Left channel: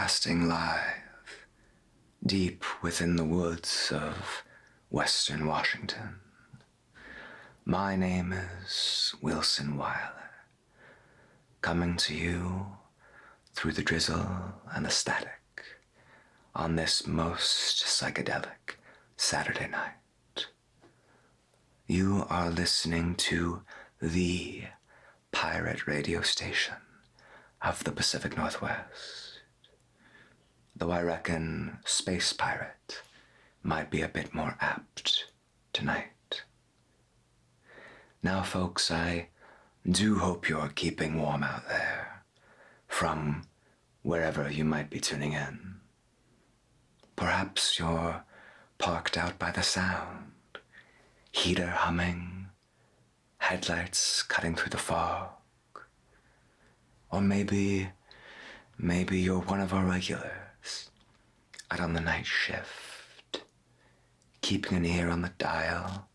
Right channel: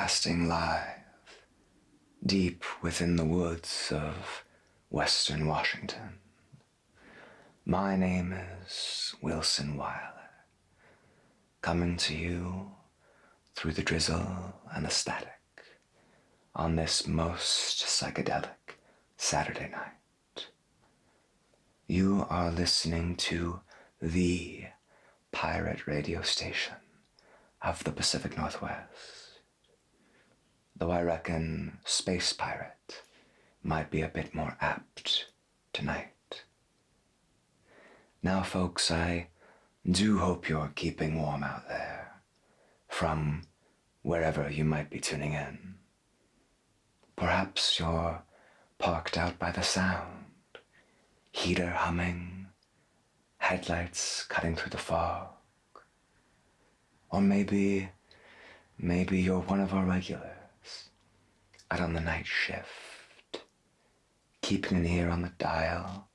broadcasting live, deep within the woods of Western Washington. My name is Wilson Wiler, coming to you through the drizzle and the static on this most psychedelic Saturday night. You are listening to the pirate radio station of the Pacific Northwest, though I reckon Space Pirate might be a bit more apt tonight. Now, folks, I do hope you're keeping warm out there, from wherever you might be tuning in. Perhaps you're parked out by the sound, heater humming, headlights cutting through the fog. Or maybe you're one of our regulars, out on the night shift, keeping an ear on the dial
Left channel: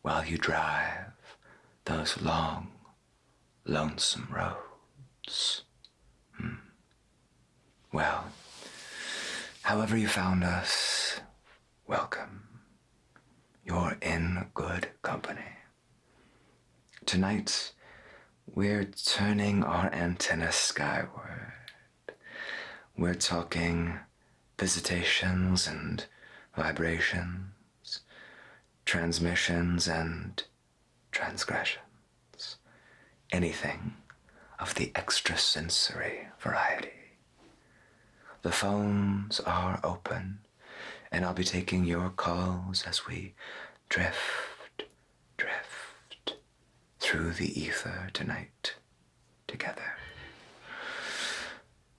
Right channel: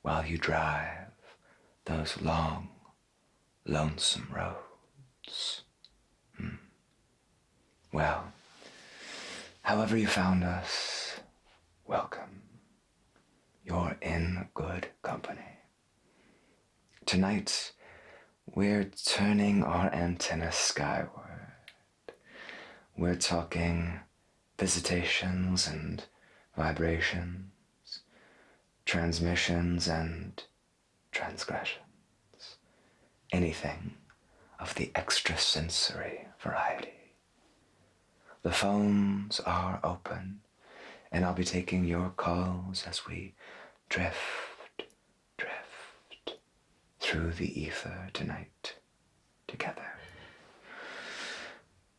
while you drive those long, lonesome roads. Well, however you found us, welcome. You're in good company. Tonight, we're turning our antenna skyward. We're talking visitations and vibrations, transmissions and transgressions, anything of the extrasensory variety. The phones are open, and I'll be taking your calls as we drift through the ether tonight together.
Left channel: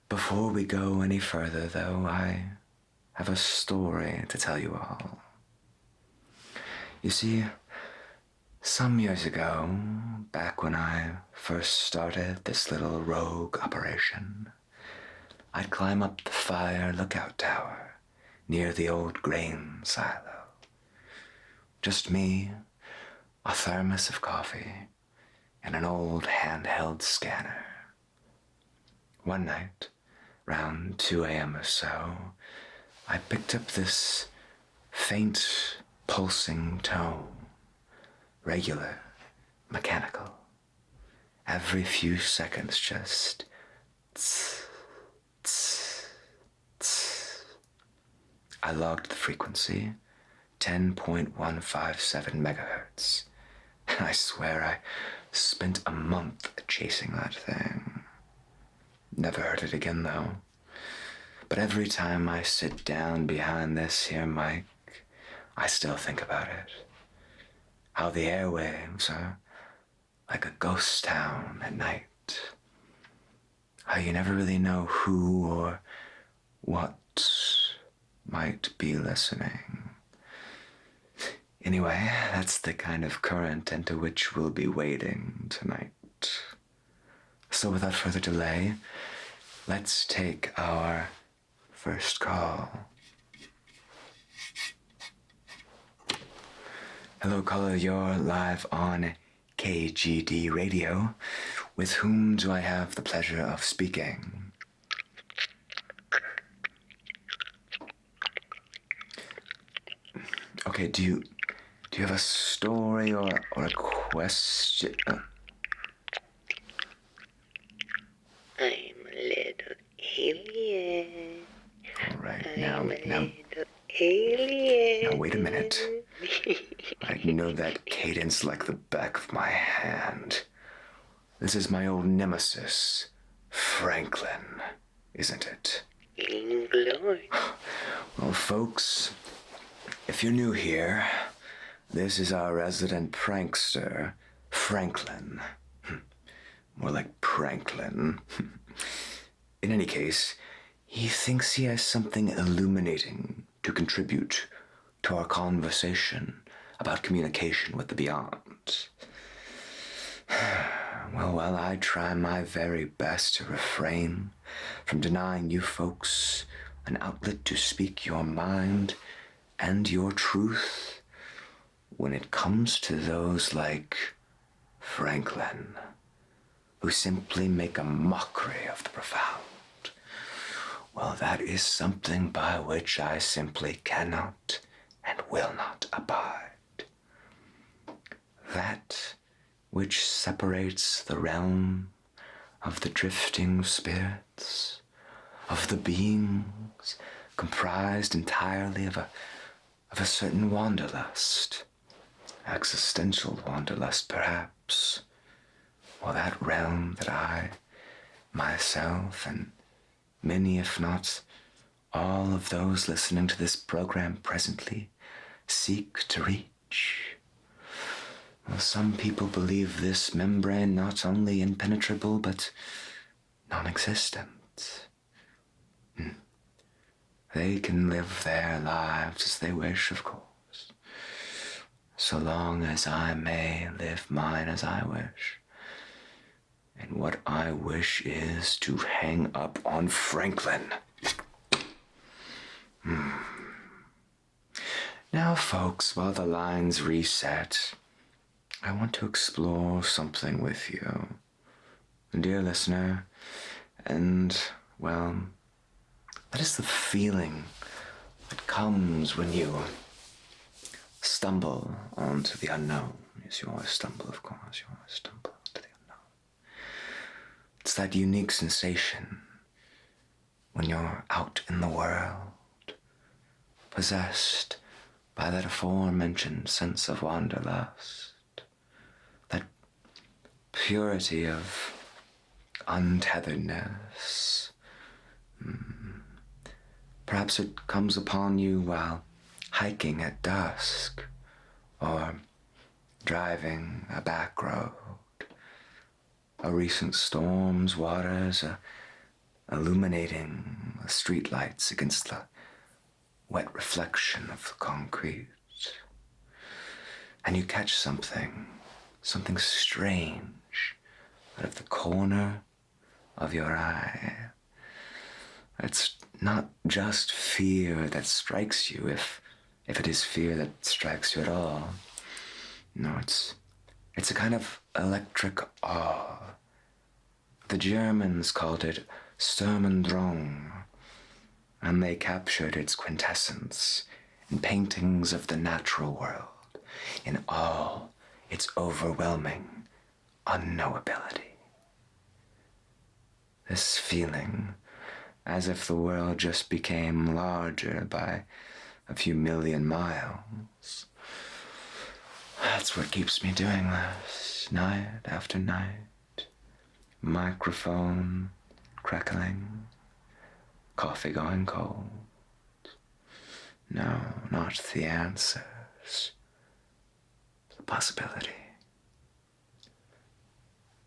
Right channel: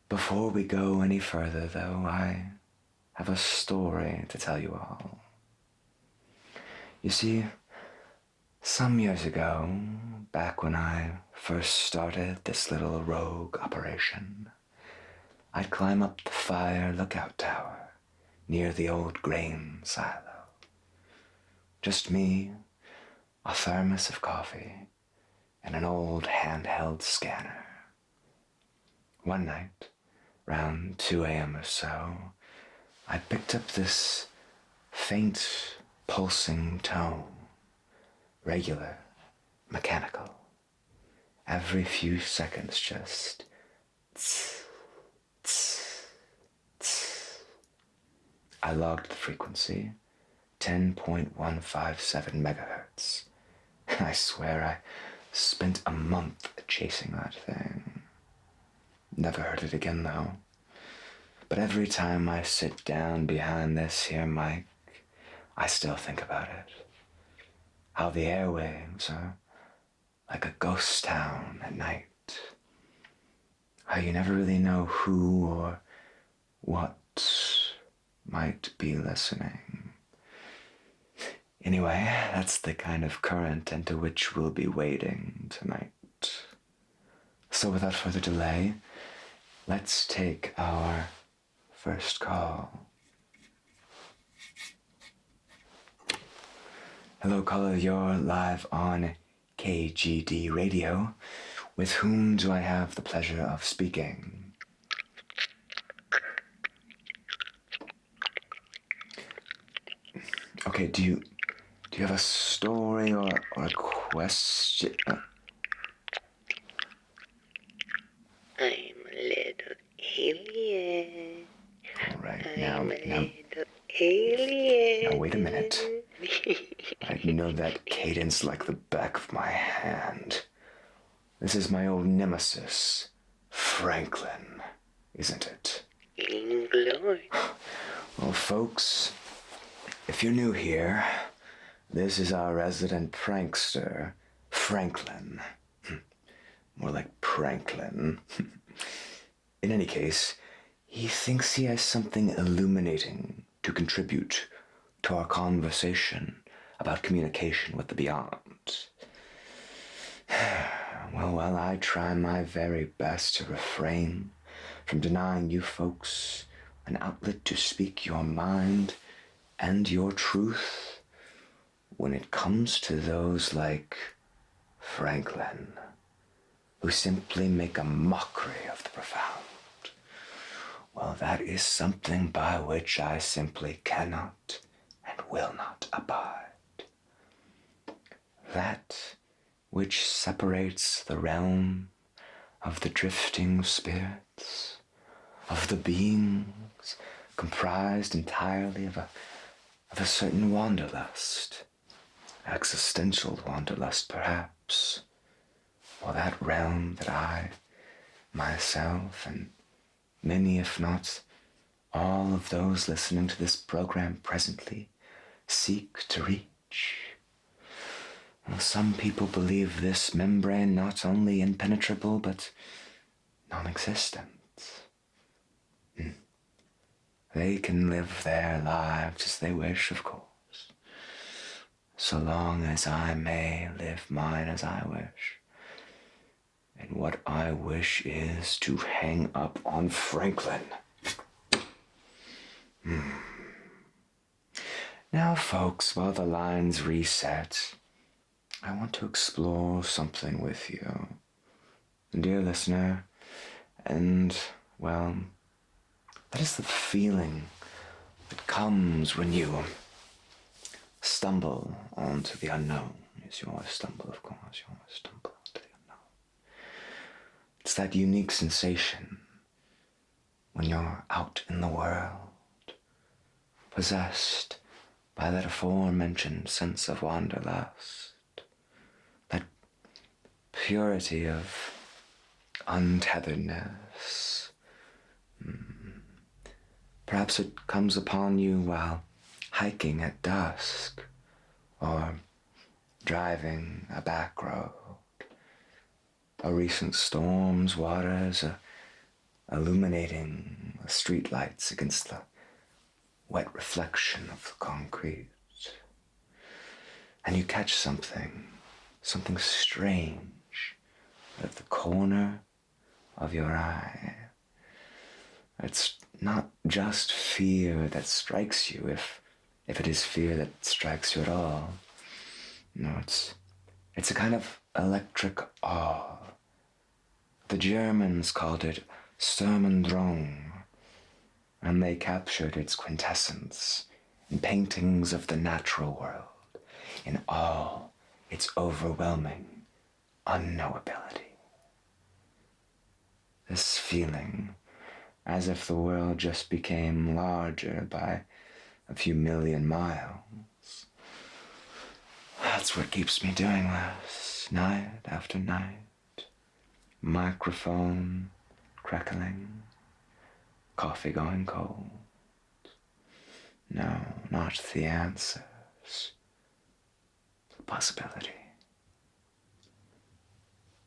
Before we go any further, though, I have a story to tell you all. You see, some years ago, back when I first started this little rogue operation, I'd climb up the fire lookout tower near the old grain silo. Just me, a thermos of coffee, and an old handheld scanner. One night, around 2 a.m. or so, I picked up this faint, pulsing tone, regular, mechanical. Every few seconds, just tss, tss, tss. I logged the frequency, 10.157 megahertz. I swear I spent a month chasing that thing. Never heard it again, though. But every time I sit down behind this here mic, I still think about it. How the airwaves are like a ghost town at night. How you never really know who or what might be listening. Anyway, that's the kind of current into which we'll be wading tonight. So without further delay, let's take our first call. Hello, caller, you're live on KGD Radio. With whom do I have the pleasure of speaking? Okay, do you have a story or a question? I'm a little alien. All right, I'm a now, little alien. now wait a minute. I know that cadence like the back of my hand. This is my old nemesis, Franklin, isn't it? Glory. Well, folks, if you're new here, this is our resident prankster, Franklin. More like Pranklin. In any case, he thinks he has something illuminating to contribute to our conversation about communication with the beyond. Well, while I try my very best to refrain from denying you folks an outlet to speak your mind and your truth, when it comes to those like Franklin, who simply make a mockery of the profound, well, that is something by which I simply cannot and will not abide. That which separates the realm of the drifting spirits, of the beings comprised entirely of a certain wanderlust, existential wanderlust perhaps, or that realm that I, myself, and many, if not all of those listening to this program presently seek to reach. Well, some people believe this membrane not only impenetrable, but non-existent. They can live their lives as they wish, of course, so long as I may live mine as I wish. And what I wish is to hang up on Franklin. Now, folks, while the lines reset, I want to explore something with you, dear listener, and, well, that is the feeling that comes when you stumble onto the unknown. Yes, you always stumble, of course, you always stumble onto the unknown. It's that unique sensation when you're out in the world, possessed by that aforementioned sense of wanderlust, that purity of untetheredness. Perhaps it comes upon you while hiking at dusk, or driving a back road. A recent storm's waters illuminating the streetlights against the wet reflection of the concrete. And you catch something strange out of the corner of your eye. It's not just fear that strikes you, if it is fear that strikes you at all. No, it's a kind of electric awe. The Germans called it Sturmendrang, and they captured its quintessence in paintings of the natural world, in all its overwhelming unknowability. This feeling, as if the world just became larger by a few million miles, that's what keeps me doing this, night after night. Microphone crackling, coffee going cold. No, not the answers. The possibility.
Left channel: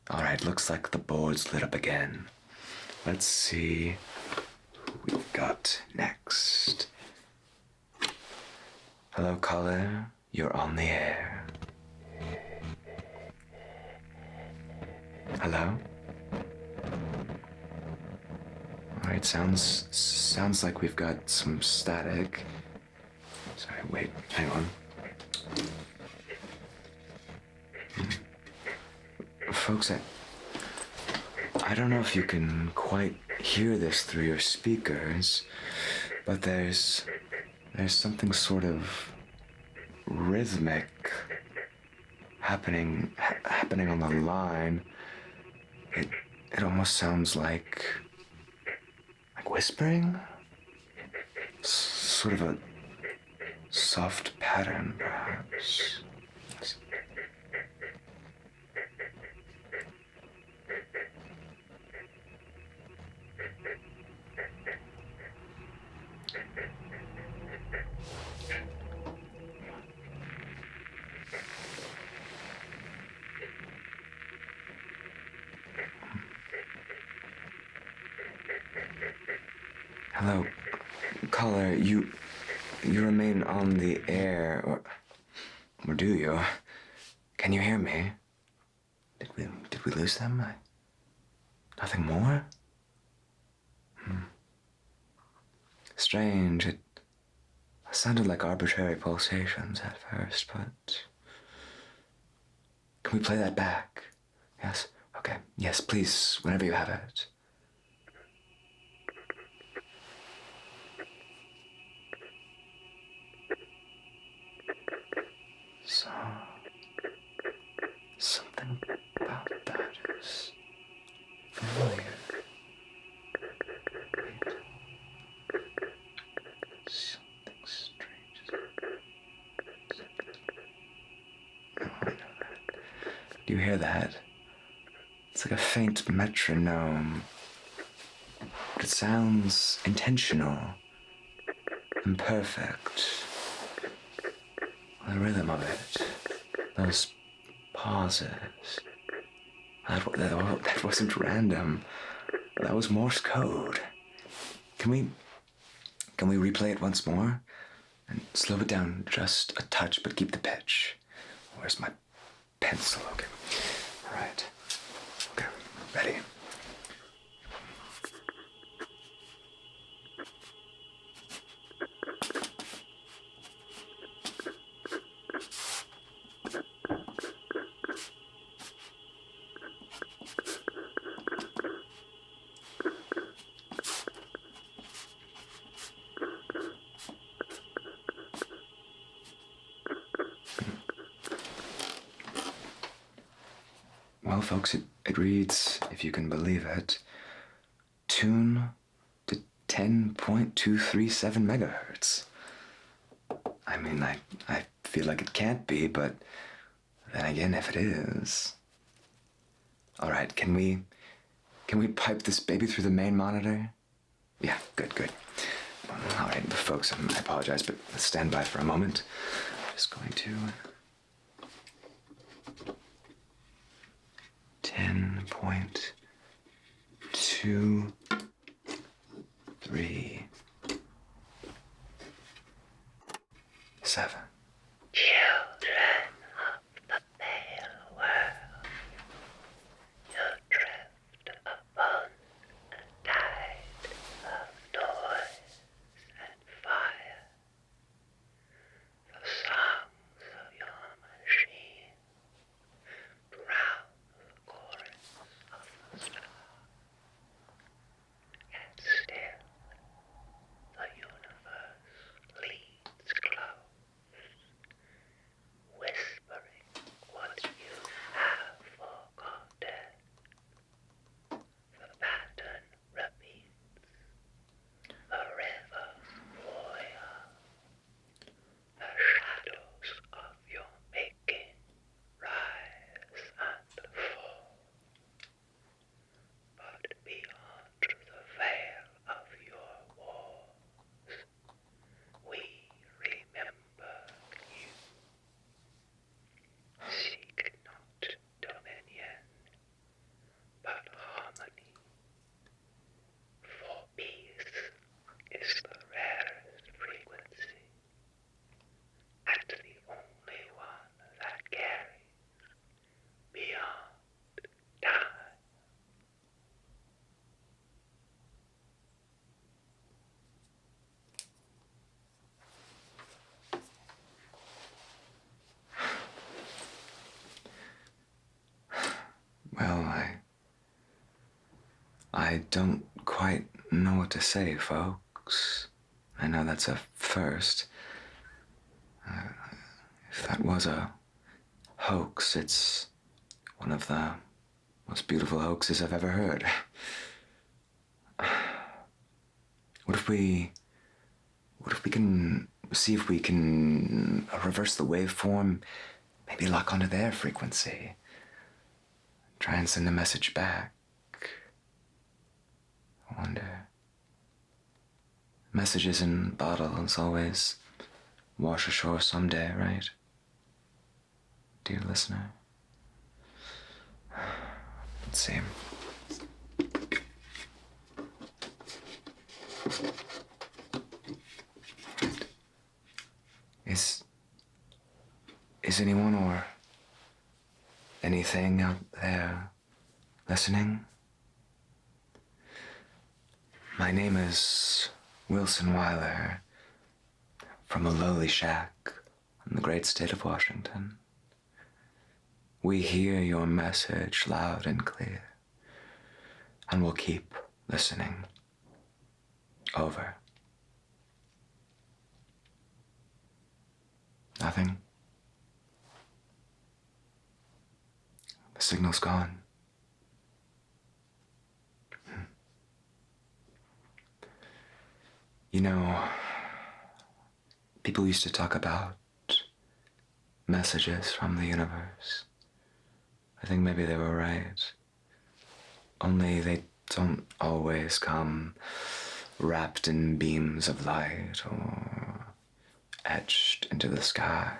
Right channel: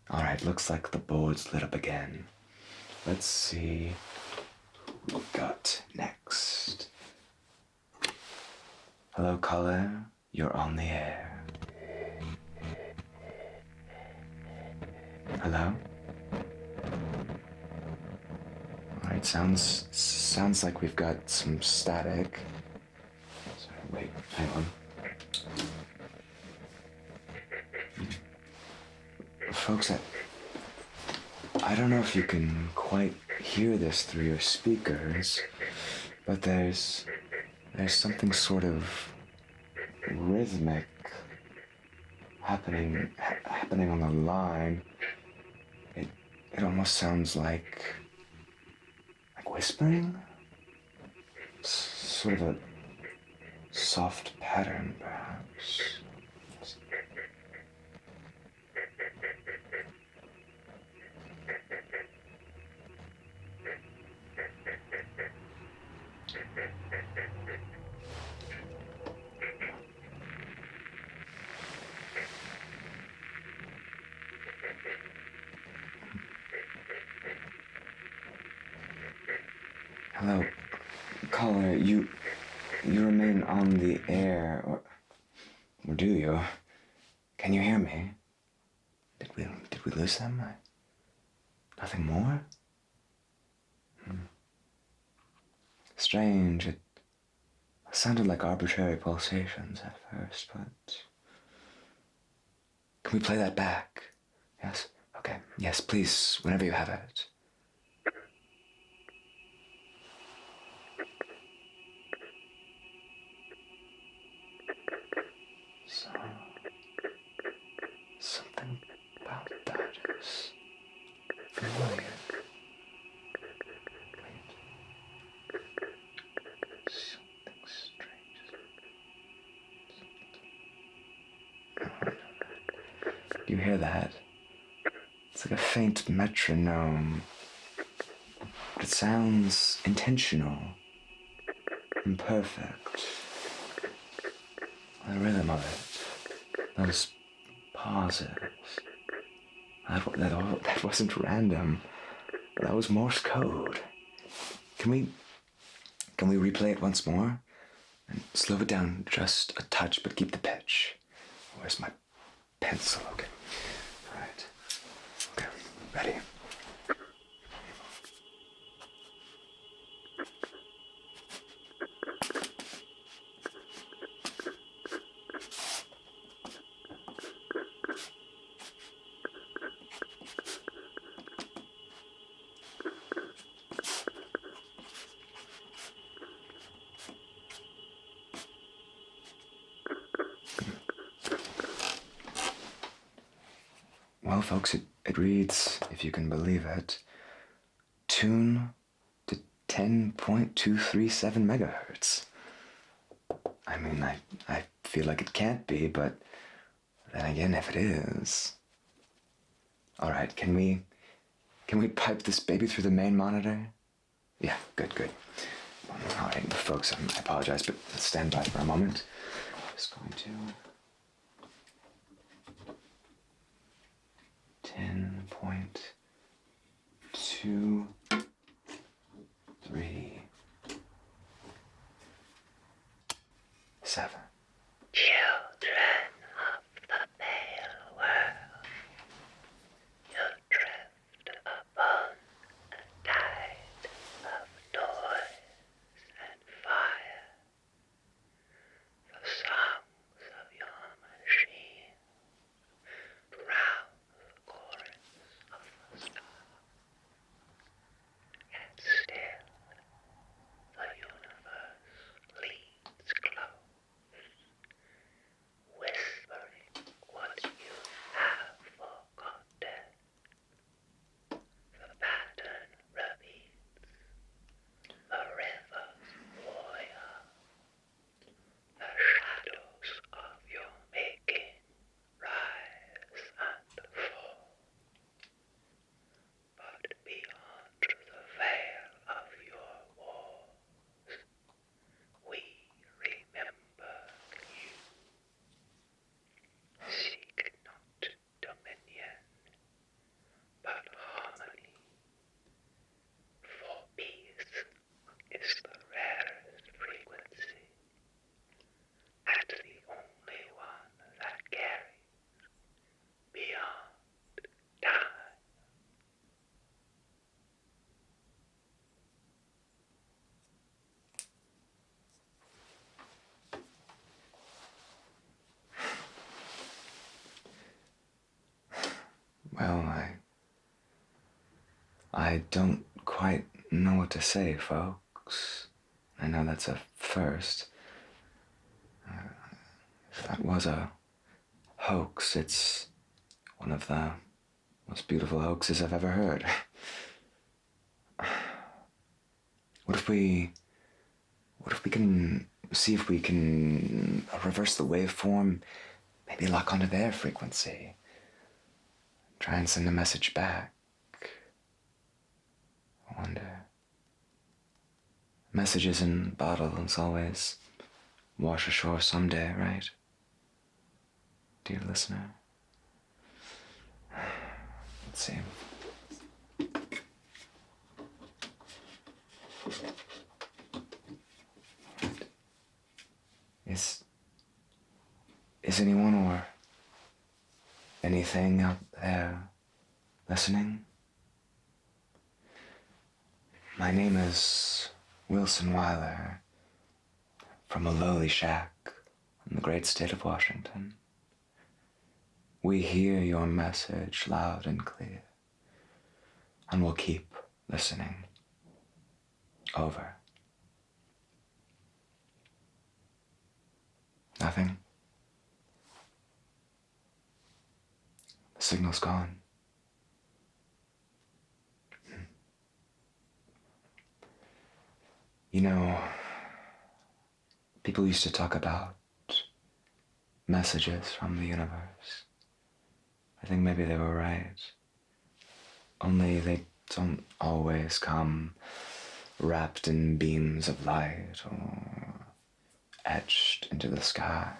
All right, looks like the board's lit up again. Let's see who we've got next. Hello, caller. You're on the air. Hello? Alright, sounds like we've got some static. Sorry, wait, hang on. Folks, I don't know if you can quite hear this through your speakers, but there's something sort of rhythmic happening on the line. It almost sounds like whispering. Sort of a soft pattern, perhaps. Hello, caller, you remain on the air, or do you? Can you hear me? Did we lose them? Nothing more? Strange, it sounded like arbitrary pulsations at first, but... Can we play that back? Yes? Okay. Yes, please, whenever you have it. Do you hear that? It's like a faint metronome. It sounds intentional and perfect. The rhythm of it, those pauses. That wasn't random. That was Morse code. Can we replay it once more? And slow it down just a touch, but keep the pitch. Where's my pencil? Okay. All right. Okay. Ready? Well, folks, it reads, if you can believe it, tune to 10.237 megahertz. I mean, I feel like it can't be, but then again, if it is. All right, can we pipe this baby through the main monitor? Yeah, good. All right, folks, I apologize, but let's stand by for a moment. I'm just going to 10.237. Children of the pale world, you drift upon a tide of noise and fire. The songs of your machine drown the chorus of the stars. Yet still, the universe leans close, whispering what you have forgotten. The pattern repeats, the rivers boil, the shadows of your making rise and fall. But beyond the veil of your walls, we remember you. Seek not dominion, but harmony. For peace is the rarest frequency, and the only one that carries beyond time. Well, I don't quite know what to say, folks. I know that's a first. If that was a hoax, it's one of the most beautiful hoaxes I've ever heard. What if we can see if we can reverse the waveform, maybe lock onto their frequency, try and send a message back? I wonder. Messages in bottles always wash ashore someday, right? Dear listener. Let's see. Is anyone or anything out there listening? My name is Wilson Wiler, from a lowly shack in the great state of Washington. We hear your message loud and clear, and we'll keep listening. Over. Nothing? The signal's gone. You know, people used to talk about messages from the universe. I think maybe they were right. Only they don't always come wrapped in beams of light or etched into the sky.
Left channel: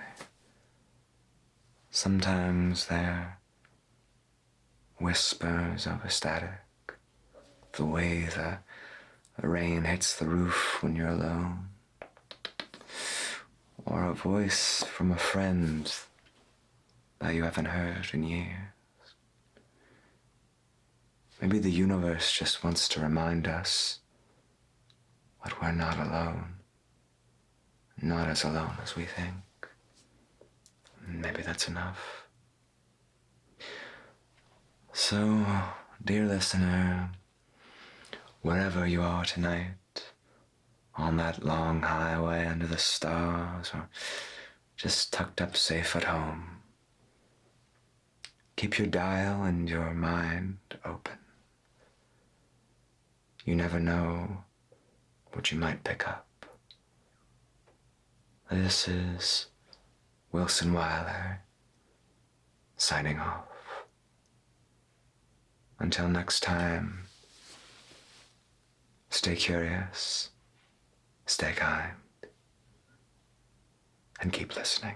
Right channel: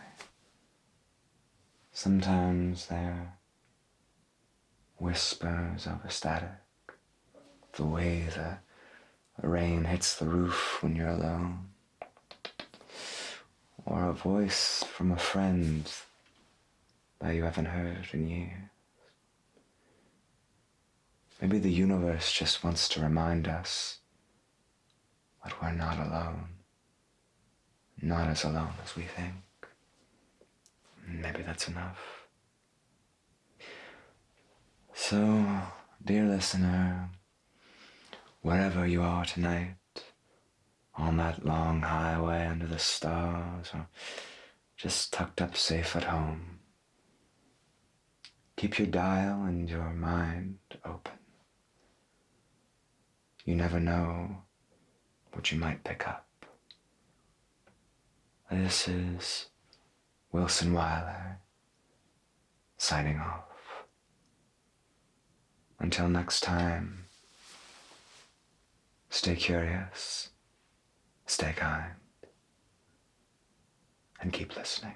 Sometimes they're whispers of a static, the way the rain hits the roof when you're alone, or a voice from a friend that you haven't heard in years. Maybe the universe just wants to remind us that we're not alone, not as alone as we think. Maybe that's enough. So, dear listener, wherever you are tonight, on that long highway under the stars, or just tucked up safe at home, keep your dial and your mind open. You never know what you might pick up. This is Wilson Wiler, signing off. Until next time, stay curious, stay kind, and keep listening.